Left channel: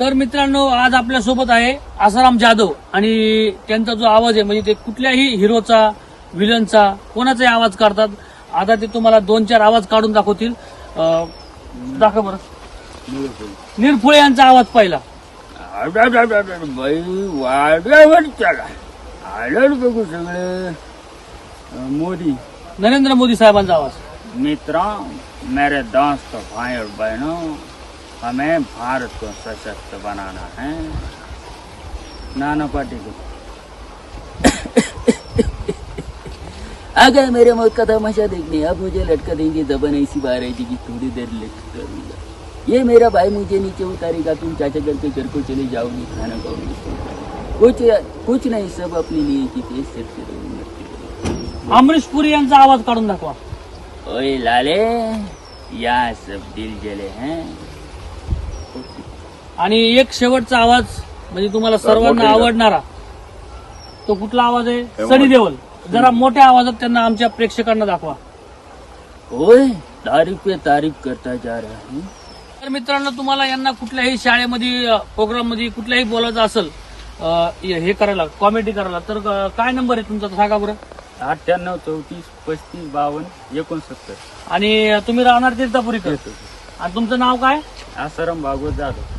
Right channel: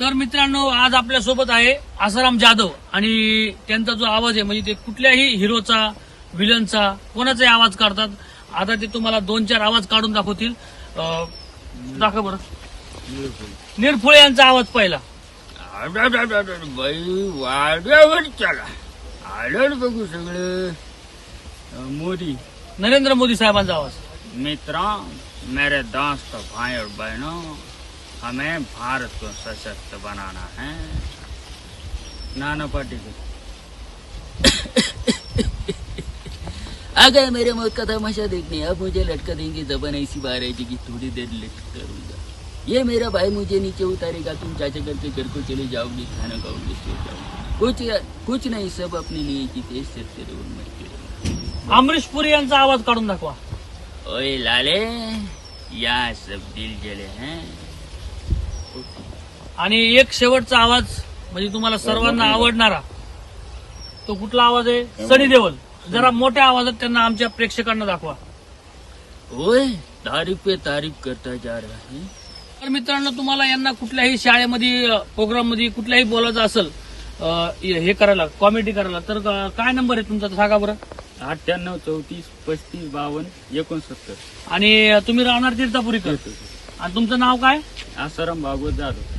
तर मित्रांनो, आज आपल्या सोबत आहे आसाराम जाधव आणि त्यांचा जो आवाज आहे म्हणजे ते कुठल्याही हिरोचा, विलनचा, कोणाचाही आवाज काढतात. आता ते तुम्हाला 2-4 आवाज काढून दाखवतील. दाखव बरं. निरफुळे यांचा आवाज पहिला. वाड्यावर चला आलं बघू सगळं. मोदी नरेंद्र मोदी साहेबांचा आवाज. मित्रों, मेरे दोस्त भाई और बहनों, हमें भारत को सशक्त बनाना है. नाना पाटेकर. आ गए मेरे मौत का तमाशा देखने. अब मुझे लटका देंगे, जबान ऐसी बाहर आएगी कि थोड़ी देर लटका दूंगा. ये मेरा भाई मुझे नीचे उतारेगा, तुम चाचा करके घर को चले जाओगी, खाना खाओगी. कुछ नहीं, सब अपने लिए जीते करते रहो. अमरीश पुरी यांचा आवाज काढून दाखवा. ओए लाले, यहाँ सब दिल जले हैं. आणि एक शेवटचा आवाज म्हणजे तुम्हाला सर्वांना आवडणारा तो कुठला आवाज आहे? सनी देओल. जरा मोठ्या आवाजात त्यांना आमच्या प्रेक्षकांना दाखवा. ओए तारीफ पे तारीफ करता जा रहा है. तर मित्रांनो, तुम्हाला यांना कुठल्याही शाळेमध्ये, प्रोग्राम मध्ये कुठल्याही बोलायचं असेल, हे करायला, कॉमेडी करायला, तर काय नंबर आहे तुमचा सांगा बरं. 98 34 35 52 69. आणि तुम्ही राहणार तीर्थापुरी आणि तुमचं नाव काय? आसाराम भागवत जाधव.